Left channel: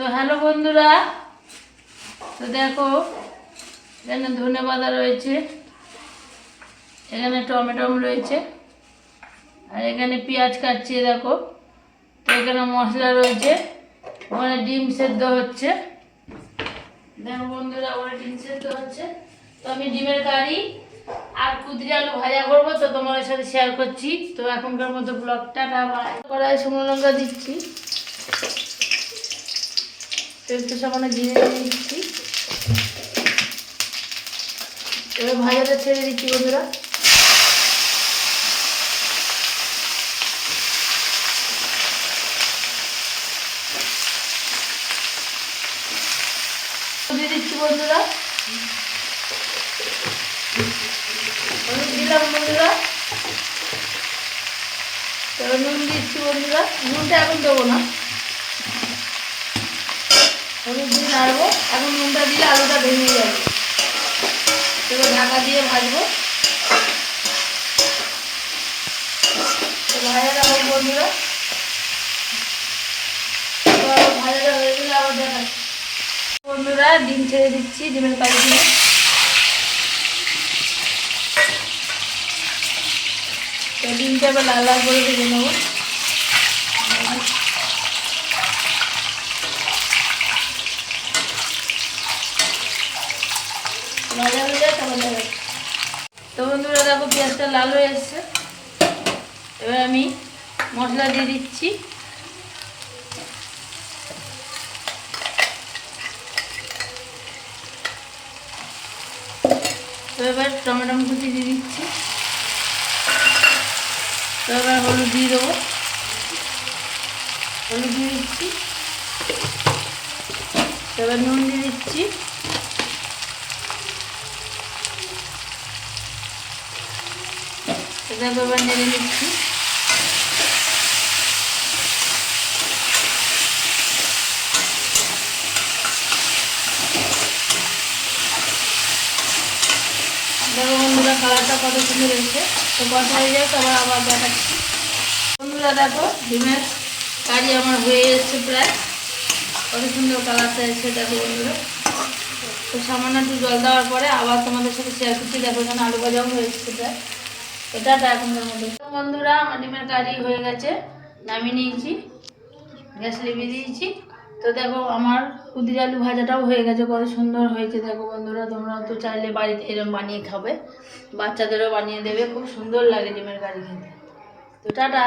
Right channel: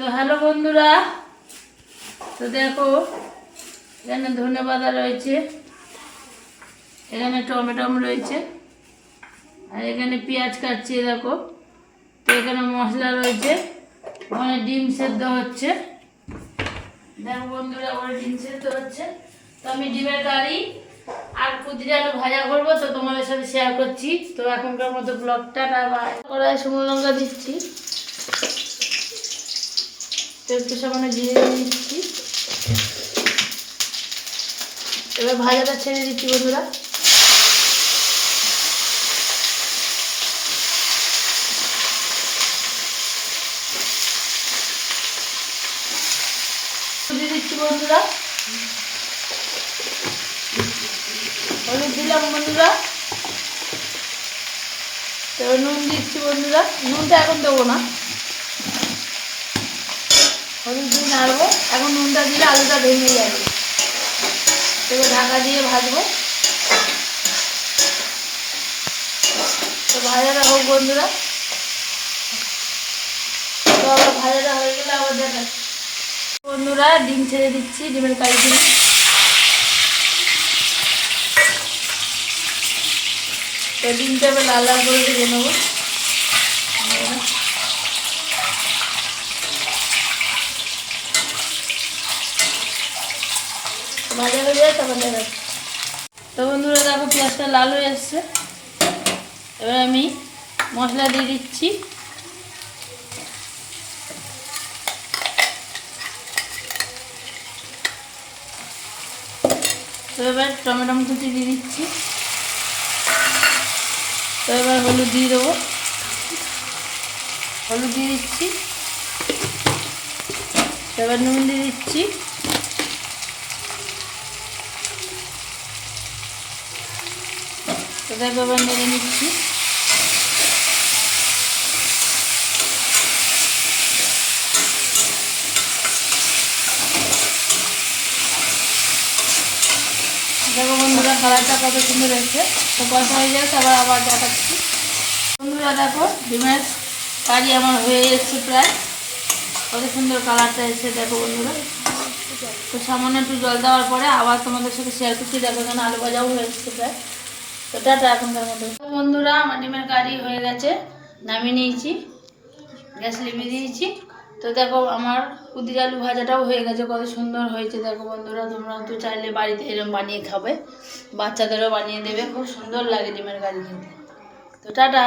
তো হ্যালো বন্ধুরা, তো দেখো এখানে ধনেপাতা রয়েছে, এখানে টমেটো রয়েছে, আর এখানে পেঁয়াজ কাটছি দেখো। তো এখানে মশলা রয়েছে, ওখানে ডিম সেদ্ধ হচ্ছে। দেখো বন্ধুরা, ওখানে ডিম সেদ্ধ হচ্ছে। তো আমি ডিমের কারি আর কুদরি আলু ভাজা করবো, তো তোমাদের সাথে শেয়ার করছি। তো এখনকার মতো ব্লগটা কড়াই শুকনো লঙ্কা দিচ্ছি, তো একটু সামান্য জিরে দিচ্ছি। এবার ভাজাটা ছেড়ে দিচ্ছি বন্ধুরা। দিয়ে দিচ্ছি বন্ধুরা, হলুদ দিলাম বন্ধুরা। এবার নুন দিচ্ছি বন্ধুরা, নুনটা এখন দেবো না, হলুদ দিয়ে নাড়বো। এখন নুনটা দিলে আলুটা ভেঙে যাবে। এবার ঢাকা দিয়ে ভাজবো। তো ভাজাটা হোক বন্ধুরা, তো আবার ভাজাটা হয়ে গেলে আবার দেখাচ্ছি বন্ধুরা। ডিম ছেড়ে দিচ্ছি, ডিমের কারি দিয়ে। তো ডিমটা এবার লাল লাল করে ভেজে নেবো। ভাজা হয়ে যায় তখন দেখাচ্ছি। তো বন্ধুরা দেখো, পেঁয়াজটা লাল হয়ে এসছে। এবার আমি মশলা দিয়ে দিচ্ছি। তো এবার টমেটো কুচি দিয়ে দিচ্ছি। তো এবার হলুদ দিয়ে দেবো, হলুদ দিয়ে দিচ্ছি। এবার নুন দিয়ে দিচ্ছি। এবার নেড়ে নিচ্ছি। দেখো বন্ধুরা, কালারটা কত সুন্দর হয়েছে। তো কথা হয়ে যায়, আবার দেখাচ্ছি বন্ধুরা। দেখো ডিমের কারি আমার হয়ে এসছে প্রায়, কত সুন্দর কালারটা এসেছে দেখো বন্ধুরা। তো সামান্য একটু জল দেওয়ার পরে আবার তোমাদের সাথে শেয়ার করছি। দেখো এখানে আলু ভাজাও হয়ে এসছে প্রায়। তো টাটা এখনকার মতো বন্ধুরা, আমার ডিমের কারি হয়ে গেছে, নামিয়ে নিয়েছি, গ্যাস লিভিয়ে দিয়েছি। তো দেখো আমার কুদরি আলু ভাজাটাও হয়ে গেছে, কত সুন্দর হয়েছে দেখো বন্ধুরা। তোমরা তো চাইলে বাড়িতে এরকম বানিয়ে খাবে, বাচ্চাদেরও বানিয়ে দেবে, খুব সুন্দর লাগে ডিমের কারি খেতে। তো টাটা।